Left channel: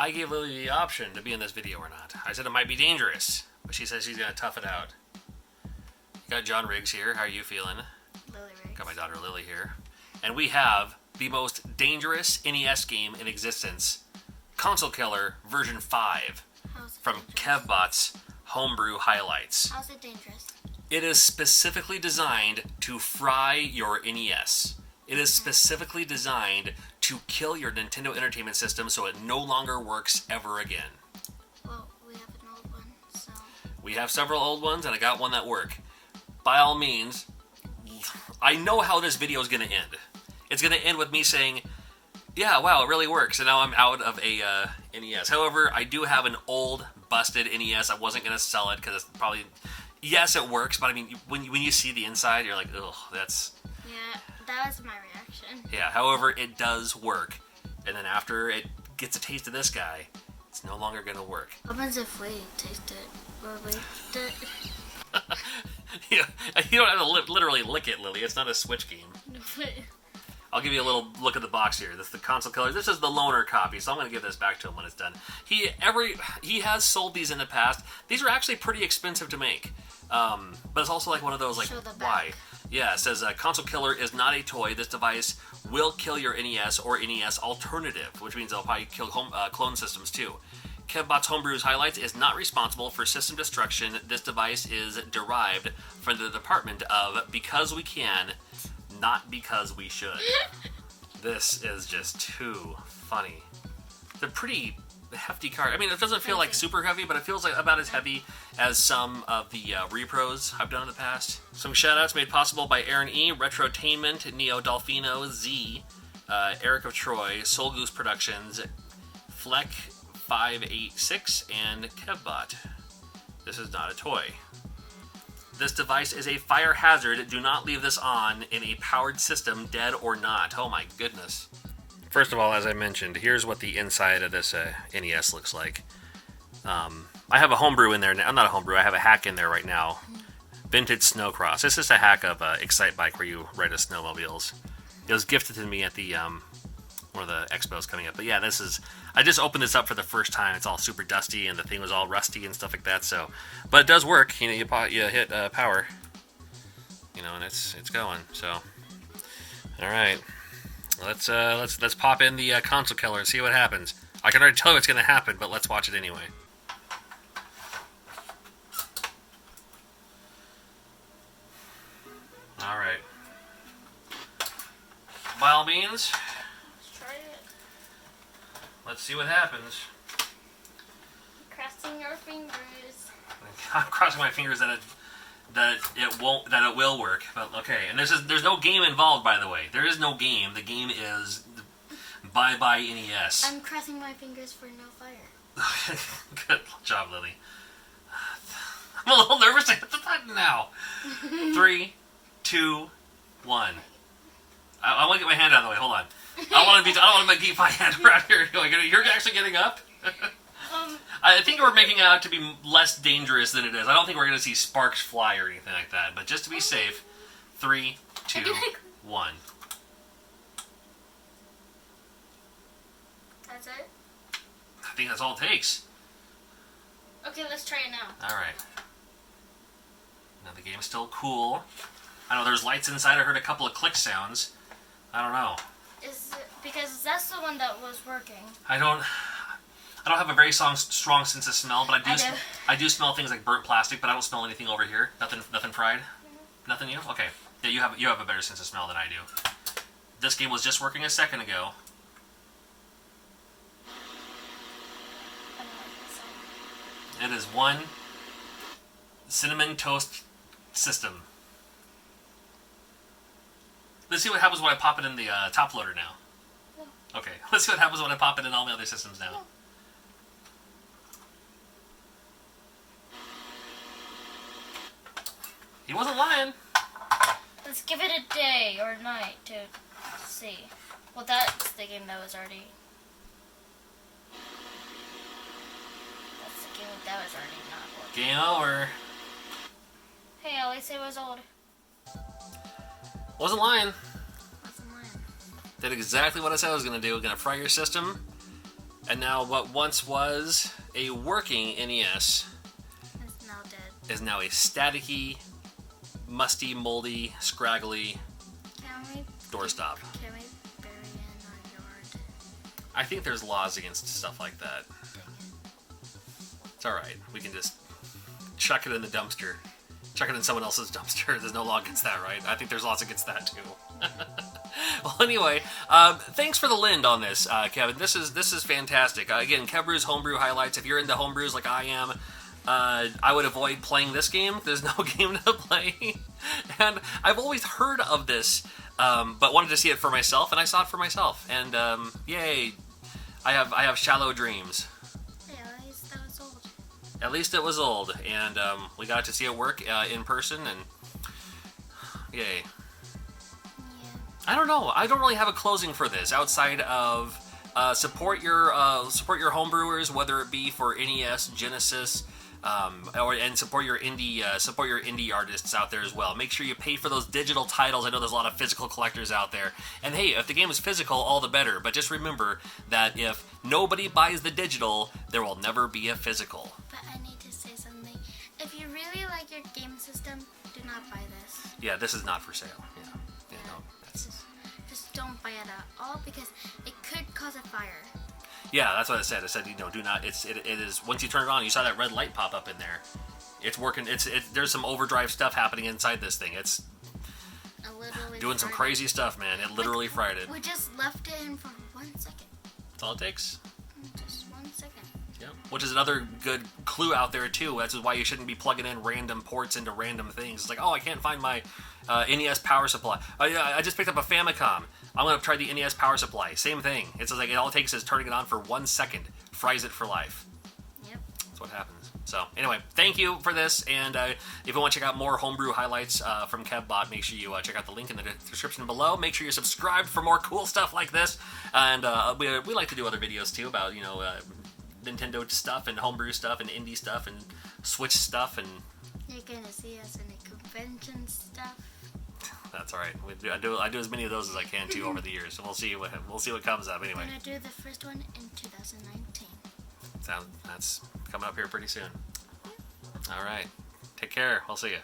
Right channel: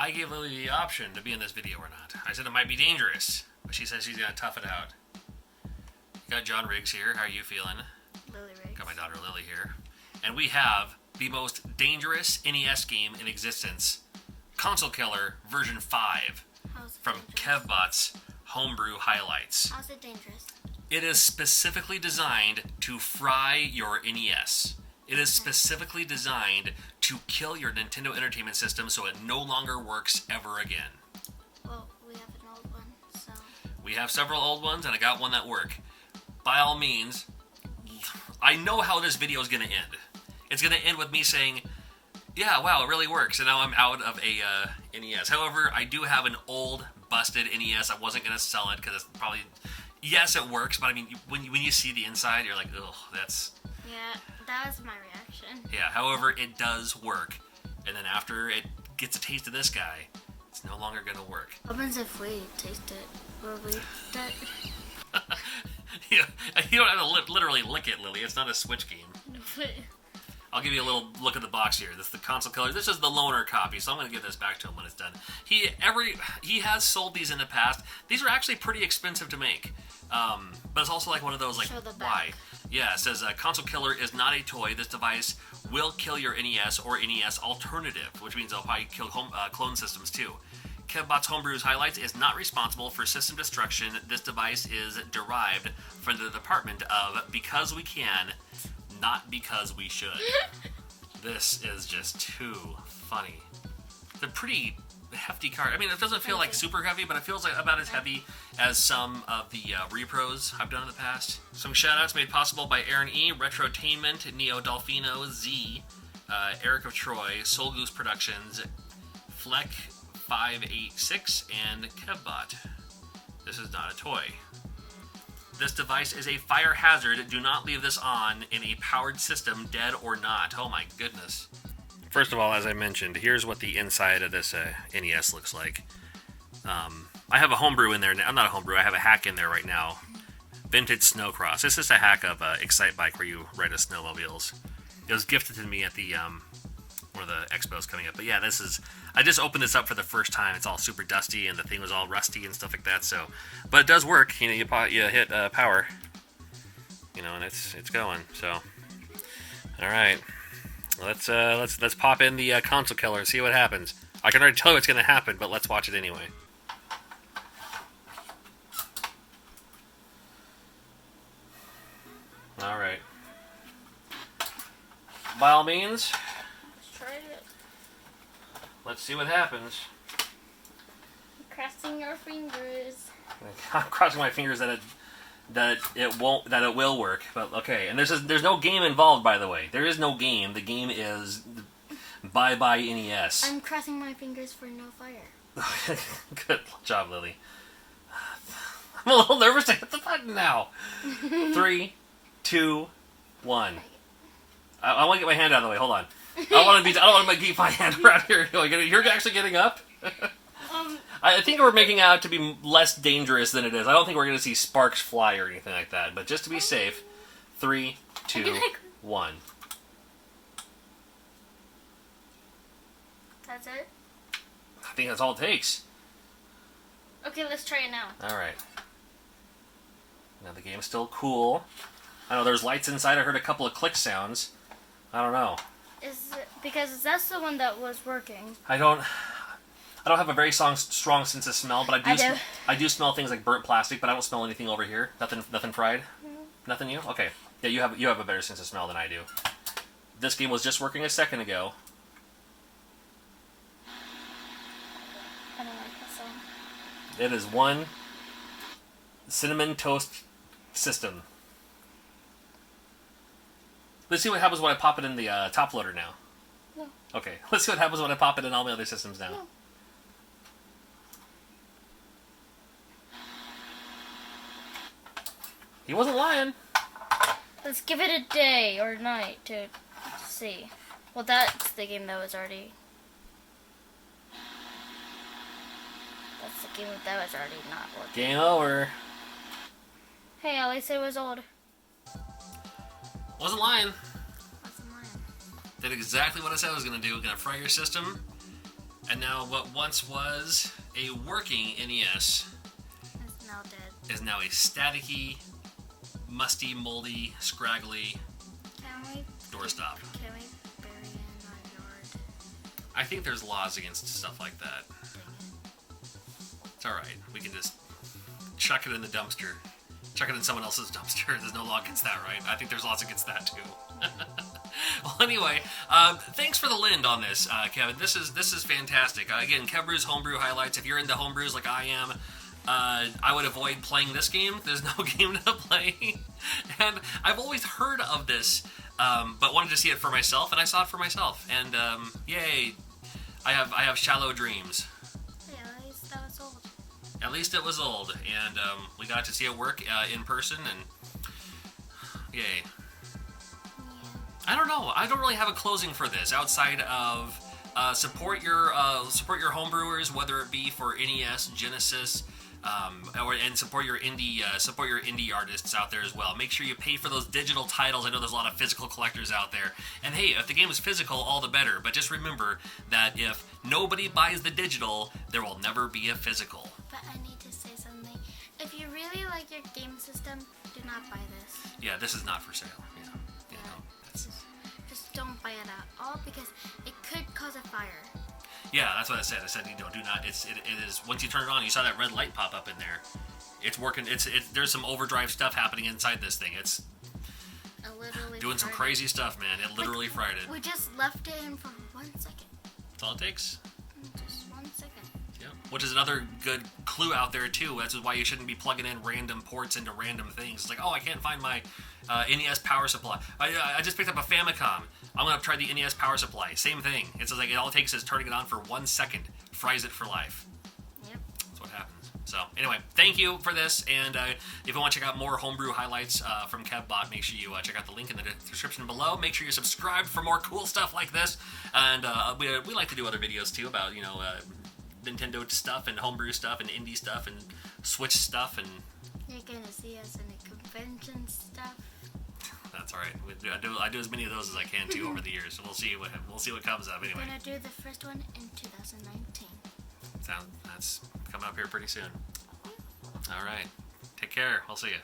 I gave Lily the option to be in this video or not. I said it might be dangerous, but she says she's going to tough it out. Got John Riggs here. How are you feeling? Lily Riggs. Got my daughter Lily here. And we have the most dangerous NES game in existence, Console Killer version 5 from Kevbot's Homebrew Highlights. How's it dangerous? It is specifically designed to fry your NES. It is specifically designed to kill your Nintendo Entertainment System so it no longer works ever again. Well, we have an old one, so... We have several old ones, and I got one that work. By all means, I know how this video is going to end. It's going to end with me saying, yeah, wow, it really works, and now I'm out of a NES. However, I do have an old, busted NES. I wasn't going to sell it, because it's probably... Yes, it works, but I mean, when you see the inside, you're like, ugh, that's... Yeah, that was my reaction. Yeah, however, it does work. And then after it gets a taste of this guy, it's no longer going to work. What happens if we taste it? Will we taste it? Yeah, you don't have to literally lick it, Lily. It's not a Switch game. I'll give you a little look at the box here. This is the Console Killer. This is the loaner copy, so I'm going to give this back to him when it's done. He has sold these in the past. These are actually pretty expensive to make. But it's also like one of those, like, why? Yeah, it says, Console Killer is not a toy. This device will kill your NES or NES alternative, which means they'll probably kill clone systems too. Kevbot's Homebrew's Highlights is not responsible for system destruction. This device is derived from the department of because we can, not because we should. This is just too funny. They're pretty hefty cards. I mean, it doesn't feel like super heavy, but it feels like about as heavy as some of the repros I've done in the past. Some shoutouts made possible by Aaron E., Retrotainment, Neo Dolphino, Z, Eric of Troy, Soul Goose Productions, Fleck 586, and Kevbot. This is not a toy. This device is a fire hazard. Do not leave this on in a powered system, dead or not. Oh my goodness. First of all, as I mentioned, here's what the inside of this NES looks like. I have a homebrew in there. I'm not a homebrew. I have a hack in there right now. Vintage Snowcross. This is a hack of Excite Bike where you ride a snowmobiles. It was gifted to me at the one of the expos coming up. But yeah, this is... I just opened this up for the first time. It's all super dusty, and the thing was all rusty and stuff like that. So, but it does work. You know, you hit power, you know, and it's going. So, all right, let's pop in the Console Killer and see what happens. I can already tell you what's going to happen, but let's watch it anyway. All right. By all means. Let's see what happens. Crossing your fingers. I'm crossing my fingers that it will work. But okay, and there's no game involved, by the way. There is no game. The game is Bye Bye NES. I'm crossing my fingers for no fire. Good job, Lily. I'm a little nervous to hit the button now. 3, 2, 1. I want to get my hand out of the way. Hold on. I don't want to keep my hand around here. You're actually getting up? I think we're making it out to be less dangerous than it is. I don't think we're going to see sparks fly or anything like that. But just to be safe, 3, 2, 1. That's it? I think that's all it takes. Okay, let's try it now. Alright. Now the game's still cool. I know there's lights inside. I heard a couple of click sounds. I don't know. Is it, because that's the one that was working. I don't have a very strong sense of smell, but I do smell things like burnt plastic, but I don't smell anything over here. Nothing fried. Nothing new. Okay. Yeah, you have a better sense of smell than I do. This game was just working a second ago. I don't like this one. It is one cinnamon toast system. Let's see what happens when I pop it in the top loader now. No. Okay, let's see what happens when I pop it in all my other systems now. No. He wasn't lying. Let's give it a day or night to see. Well, that's the game that was already... That's the game that was already not working. Game over. Hey, at least it was old. Wasn't lying. Wasn't lying. Did exactly what I said I was going to do. Going to fry your system And now what once was a working NES It's now dead. is now a staticky, musty, moldy, scraggly Can we doorstop. bury it in our yard? I think there's laws against stuff like that. It's alright. We can just chuck it in the dumpster. Chuck it in someone else's dumpster. There's no law against that, right? I think there's laws against that, too. Well, anyway, thanks for the lend on this, Kevin. This is fantastic. Again, Kev Homebrew highlights. If you're into homebrews like I am, I would avoid playing this game. There's no game to play. And I've always heard of this, but wanted to see it for myself, and I saw it for myself. And, yay. I have shallow dreams. Yeah, at least that was old. At least it was old, and we got to see it work in person, and yay. Yeah. I don't know. I don't really have a closing for this outside of support your homebrewers, whether it be for NES, Genesis, and support your indie artists out there as well. Make sure you pay for those digital titles. I know there's a lot of physical collectors out there, and hey, if the game is physical, all the better. But just remember that if nobody buys the digital, there will never be a physical. But I need to say something. If you really like your game system, do not buy this. Yeah, this is not for sale. Yeah. Just don't buy it at all because it could cause a fire. Yeah, that's what I said. I said, do not. It is once you turn it on, you saw that red light pop up in there. It's working. There's some overdrive stuff happening inside this thing. It's doing some crazy stuff, man. It literally fried it. We just left it in for 1 second. That's all it takes. Just 1 second. Yep. Which is another good clue out there too. That's why you shouldn't be plugging in random ports into random things. It's like, oh, I can't find my NES power supply. I just picked up a Famicom. I'm gonna try the NES power supply. Same thing. It's like all it takes is turning it on for 1 second, fries it for life. Yep. That's what happens. So anyway, thank you for this. And if you want to check out more homebrew highlights from KevBot, make sure you check out the link in the description below. Make sure you're subscribed for more cool stuff like this. And we like to do other videos too about Nintendo stuff and homebrew stuff and indie stuff and Switch stuff and. You're gonna see us in the convention stuff. That's all right. I do as many of those as I can too over the years. So we'll see what comes up anyway. We're gonna do the first one in 2019. That's coming up here pretty soon. All right. Take care. We'll see you.